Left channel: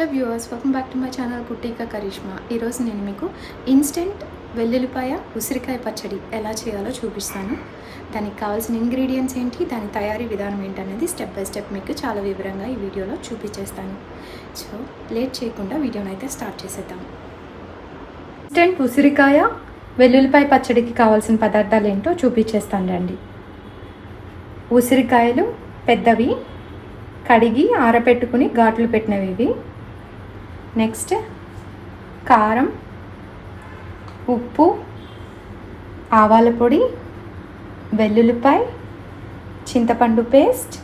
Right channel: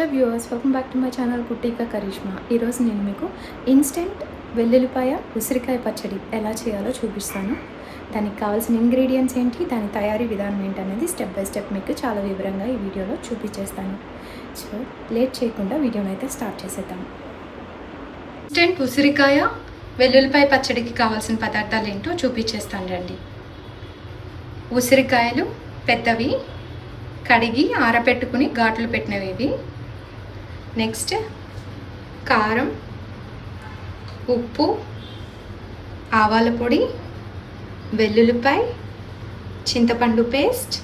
Hello viewers, welcome back to my channel Kuttika Karishma. ఈరోజు నేను మీకు ఇన్స్టెంట్ వెల్లుల్లిపాయ ఉసిరికాయ పచ్చడి ఎలా చేయాలో చూపిస్తాను. దానికి కావాల్సిన ఇంగ్రీడియంట్స్ ఏంటి, దాని తయారీ విధానం ఏంటి అనేది స్టెప్ బై స్టెప్ మీకు చాలా వివరంగా ఈ వీడియోలో చూపించేస్తాను. సో లేట్ చేయకుండా వీడియోని అయితే స్టార్ట్ చేసేద్దాం. ఇన్స్టెంట్ ఉసిరికాయ వెల్లుల్లిపాయ పచ్చడికి కావాల్సిన పదార్థాలు ఏంటో చూపించేస్తాను రండి. ఉసిరికాయలు పెద్దవి కడిగి ఆరబెట్టుకుని ఘాట్లు పెట్టినవి ఇవి. నెక్స్ట్ కారం, ఉప్పు, ఆవాల పొడి, వెల్లుల్లిపాయ, చింతపండు పేస్ట్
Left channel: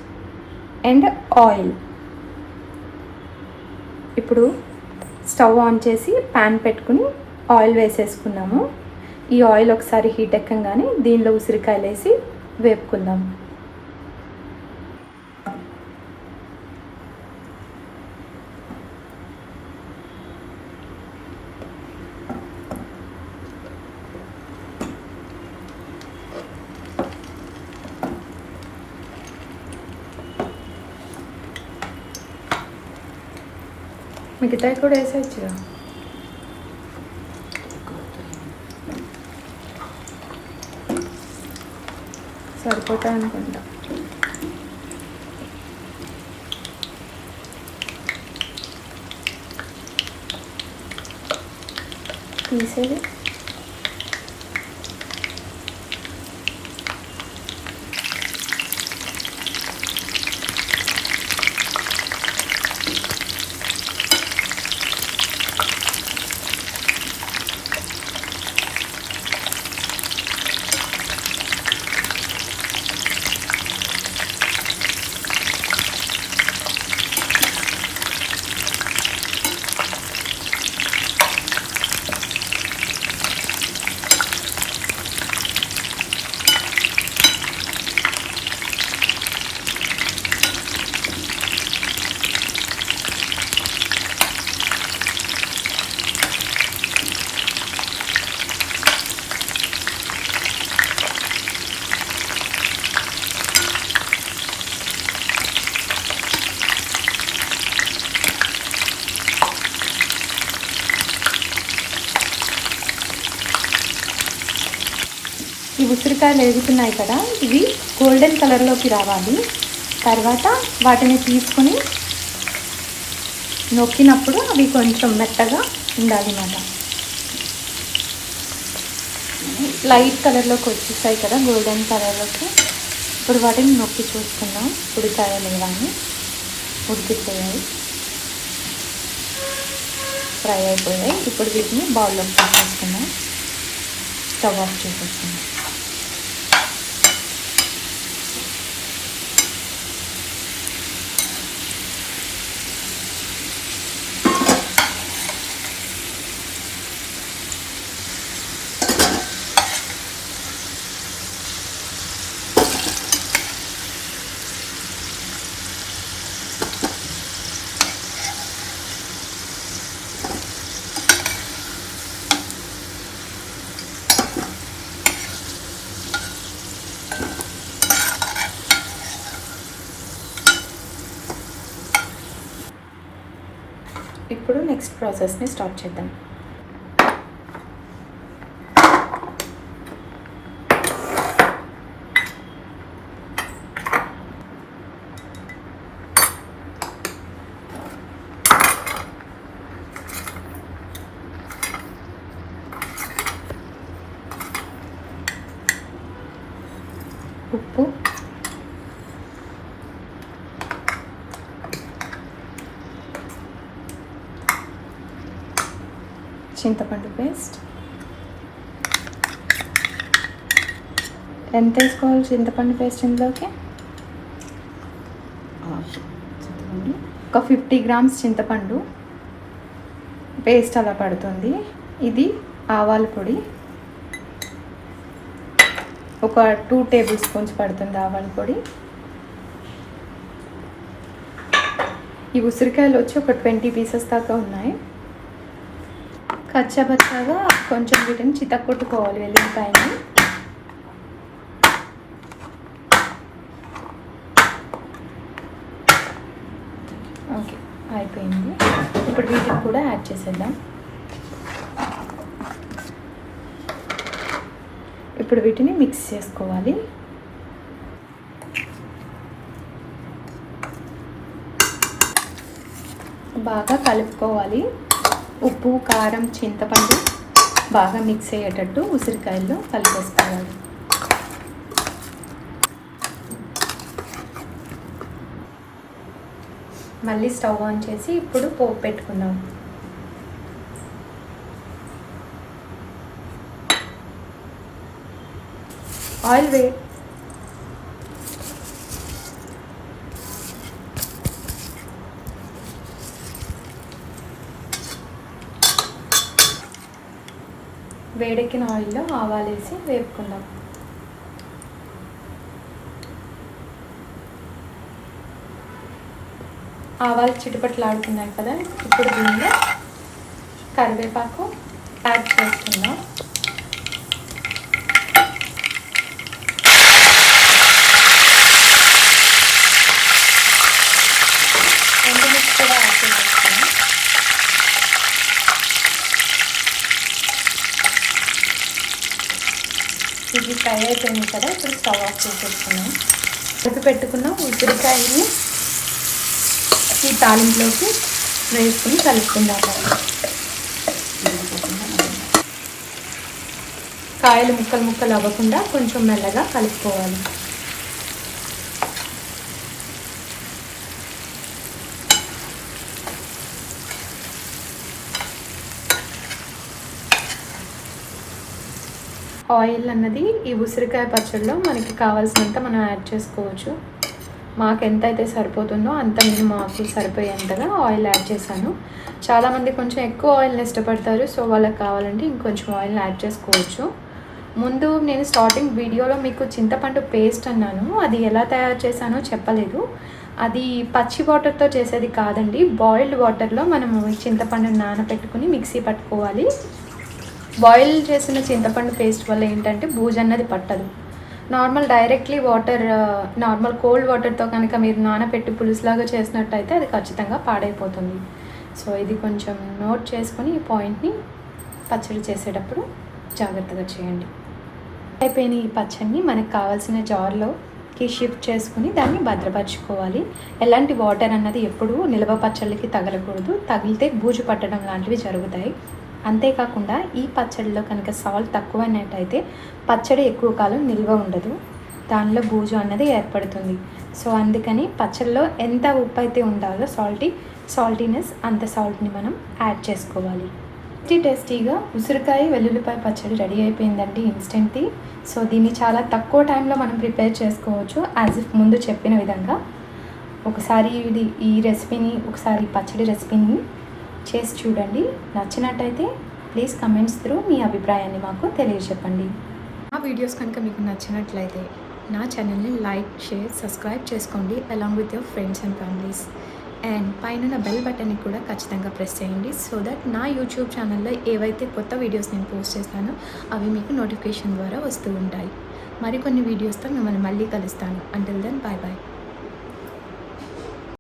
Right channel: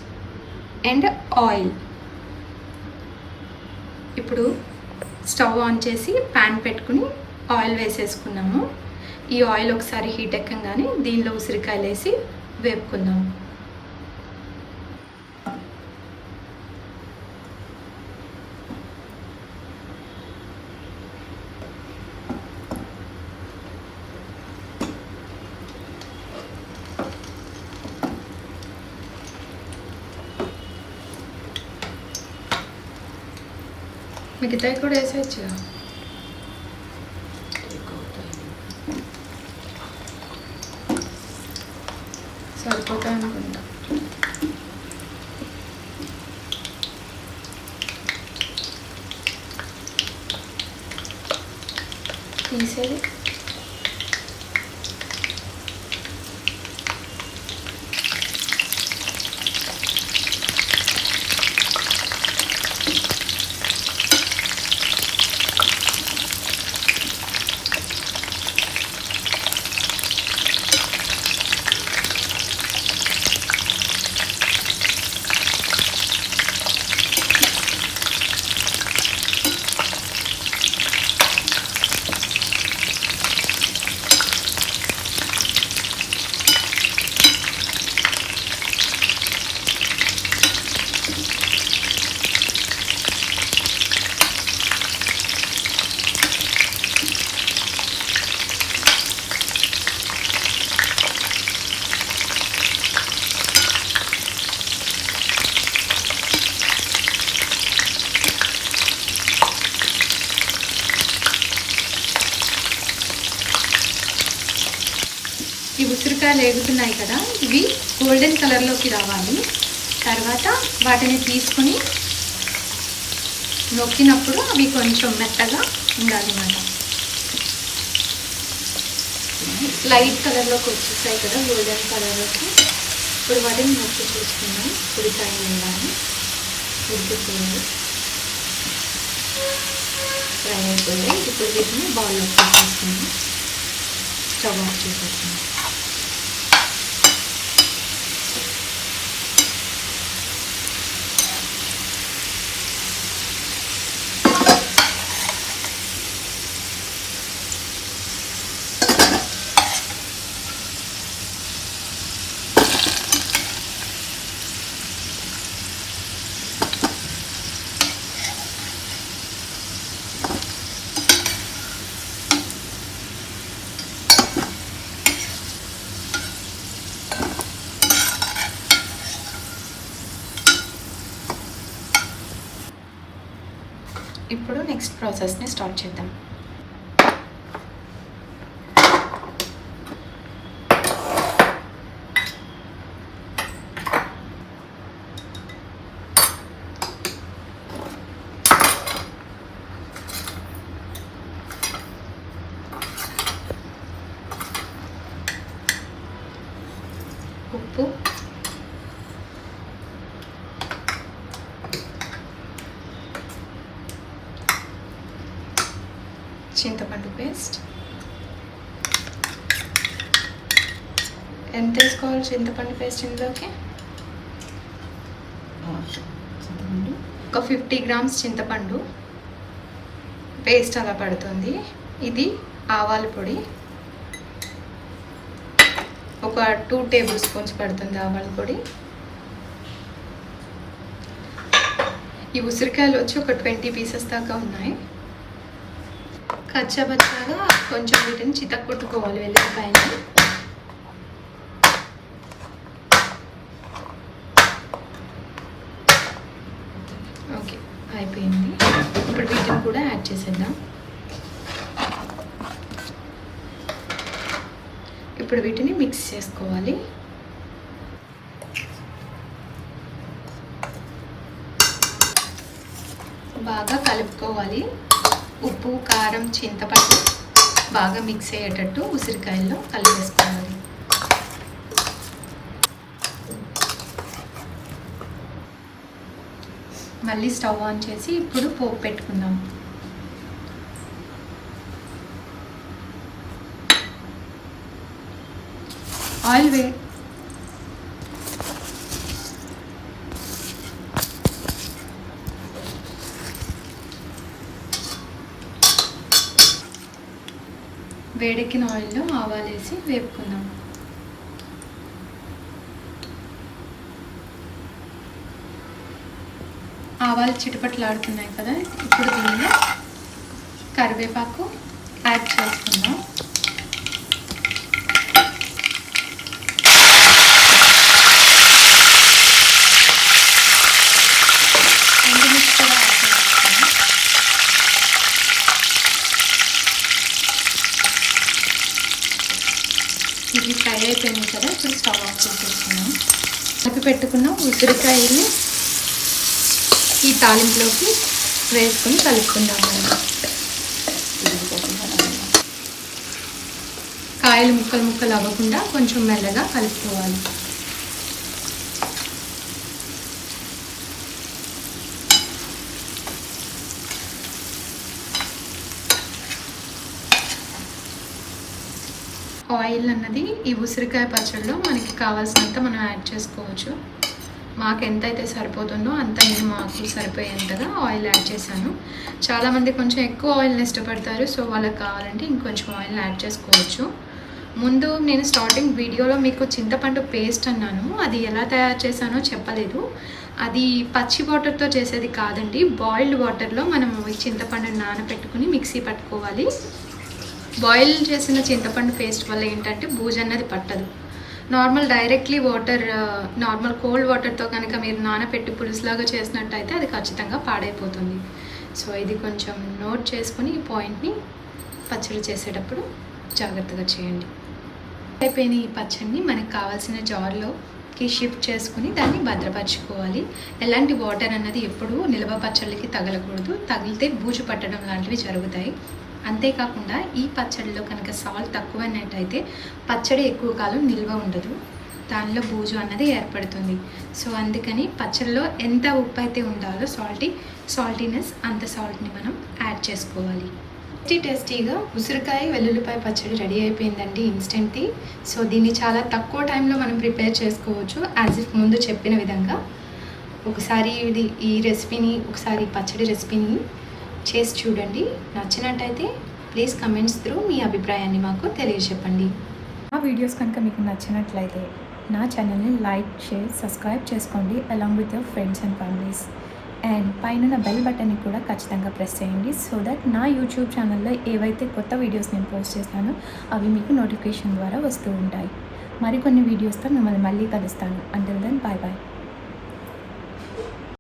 అండ్ ఆయిల్. ఇప్పుడు స్టవ్ ఆన్ చేసి ప్యాన్ పెట్టుకుని ఆయిల్ వేసేసుకున్నాము. ఈ ఆయిల్ ఒకసారి హీట్ ఎక్కగానే దీనిలో ఉసిరికాయలు వేసి వేపుకుందాం. మిగతాయి కూడా వేసేయచ్చుగా. సరిపోతాయి అనుకుంటా. తీసేది ఈ ఉసిరికాయలు వేగుతున్నాయి కదా, ఇవి గోల్డెన్ కలర్లోకి రావాలి. తర్వాత వాటిని తీసుకుని నొక్కినప్పుడు అవి కొంచెం మెత్తగా ఉండాలి అన్నమాట. లైట్ కలర్లోకి వచ్చేసాయి కదా, గోల్డెన్ కలర్లోకి. ఇప్పుడు వాటిని నొక్కి చూసుకున్నాం. ఉసిరికాయలు కానీ ఉడికిపోయాయి, ఫ్రై అయిపోయాయి. ఇప్పుడు వీటిని బౌల్లోకి తీసుకున్నాం. స్టవ్ ఆఫ్ చేసేస్తున్నాం. ఇప్పుడు నెక్స్ట్ ప్రాసెస్ని స్టార్ట్ చేద్దాం. ఉప్పు, చింతపండు పేస్ట్. ఎంత వేసుకోవాలి చింతపండు పేస్ట్ ఇందులోకి? ఒక 50 గ్రామ్స్ చింతపండు పేస్ట్ అలా పడుతుంది. ఇది ఆవాల పొడి ఒక 2 టేబుల్ స్పూన్స్ పడుతుంది ఆవాల పొడి. ఈ ఉసిరికాయలు వచ్చి ఒక 20 పీసెస్ దాకా ఉన్నాయి. కచ్చాపచ్చాగా కొంచెం వీటిని చితక్కొట్టుకోవాలి వెల్లుల్లిపాయని. ఓకే, అయిపోయింది. ఇప్పుడు వీటిని కూడా యాడ్ చేసేద్దాం. ఇప్పుడు వీటిని మిక్స్ చేసుకోవాలి. బాగా కలుపుకోవాలి. ఉప్పు, కారం, చింతపండు బాగా మిక్స్ అయ్యేటట్టు ఉసిరికాయల్లో కలిపేసుకోవాలి. మళ్ళీ స్టవ్ ఆన్ చేసి ఇప్పుడు పోపు పెట్టుకుందాం. ఆయిల్ వేడెక్కిన ఆయిల్లో ఆవాలు వేసి వేపుకుందాం. ఆవాలు చిటపట్లాడుతున్నాయి కదా, ఇప్పుడు దీనిలో కరివేపాకు యాడ్ చేసుకుందాం. ఎండుమిర్చి కూడా యాడ్ చేసుకుందాం. ఇది ఫ్రై అయిపోయింది కదా, ఇప్పుడు స్టవ్ ఆఫ్ చేసేసుకున్నాం. కలిపి పెట్టుకున్న ఉసిరికాయని ఈ తాలింపులోకి వేసుకొని కలుపుకుందాం. కాయలు ముక్కలు ముక్కలు అవ్వకుండా కొంచెం మెల్లగా కలుపుకోవాలి. ఆయిల్ అన్నది ఈ ఉసిరికాయ పచ్చడిలో మనకి కావాల్సినంత మనం యాడ్ చేసుకోవచ్చు. మాకు ఎంత అయితే సరిపోతుందో అంత నేను మాకు సరిపోయేంతగా ఆయిల్ యాడ్ చేశాను. చాలామంది కొంచెం ఎక్కువ ఆయిల్ని ఇష్టపడతారు, సో వాళ్ళకి కావాలంటే ఇంకొంచెం ఆయిల్ని యాడ్ చేసుకోవచ్చు. ముందు నేను స్టార్టింగ్ వీడియోలో మీకు చింతపండు పేస్ట్ అన్నాను, అది ఎలా తయారు చేశానో చెప్పలేదు. అది పచ్చి వాటర్తో చేసేది కాదండి, బాయిల్డ్ వాటర్లో మనము చింతపండుని నానబెట్టుకుని మిక్సీ పట్టుకోవాలి. బాయిల్ చేసిన చింతపండు పేస్ట్ వల్ల ఏంటంటే బూజు అన్నది పట్టదు. నార్మల్ డైరెక్ట్లీ నార్మల్ కోల్డ్ వాటర్తో కనుక మీరు నానబెట్టి పులుసులాగా చేసినట్టయితే అది ఖచ్చితంగా పాడైపోతుంది. సో ఇది కొంచెం నోట్ చేసుకొని ఈ పాయింట్ని పచ్చడి చేసేటప్పుడు జాగ్రత్తగా చేయండి. అయిపోయిన ఈ పచ్చడిని మనకు కావాల్సిన జార్లోకి షిఫ్ట్ చేసుకుని దాన్ని భద్రపరచుకోవాలి. ఎలాంటి వాటర్ అన్నది ఎప్పుడూ నిల్వ పచ్చళ్ళకి తగలకూడదు, తగిలితే బూజు పట్టడం లాంటివి జరుగుతాయి. అంతేకాకుండా ఈ పచ్చడిలో కనుక సాల్ట్ తక్కువైనట్టయితే పచ్చడి ఎక్కువ కాలం నిల్వ ఉండదు, దానిలో బూజు అన్నది ఏర్పడుతుంది. సో అందుకని పచ్చడిలో ఎంత ఉప్పు అయితే ఉండాలో సాల్టీనెస్ అంత సాల్ట్ని మనం యాడ్ చేసుకోవాలి. టేస్టీగా ఉసిరికాయ వెల్లుల్లిపాయ పచ్చడి రెడీ అయిపోయిందండి, ఇన్స్టెంట్ది. సో దీన్ని చాలా తక్కువ టైంలో మనం ప్రిపేర్ చేసుకోవచ్చు, యాజ్ ఇఫ్ ముందు చెప్పిన విధంగా. ఒకసారి ఈ రెసిపీని పచ్చడి రెసిపీని చేసి చూడండి. నచ్చినట్టయితే ప్లీజ్ కమెంట్స్ త్రూ మీ అభిప్రాయాన్ని మాకు తెలియజెప్పండి. ఆ వీడియోస్ కనుక మీకు నచ్చినట్లయితే నా ఛానల్ని లైక్, షేర్, సబ్స్క్రైబ్ చేసుకోండి along with your friends and families. And పైన బెల్ బటన్ని కూడా ఖచ్చితంగా ప్రెస్ చేయండి, సో దట్ నా యూట్యూబ్ ఛానల్లో ఏవైతే కొత్త వీడియోస్ నేను పోస్ట్ చేస్తానో అవి మీకు నోటిఫికేషన్ ద్వారా వస్తూ ఉంటాయి. మరికొన్ని వీడియోస్తో మిమ్మల్ని మళ్ళీ కలుస్తాను. Until then bye bye.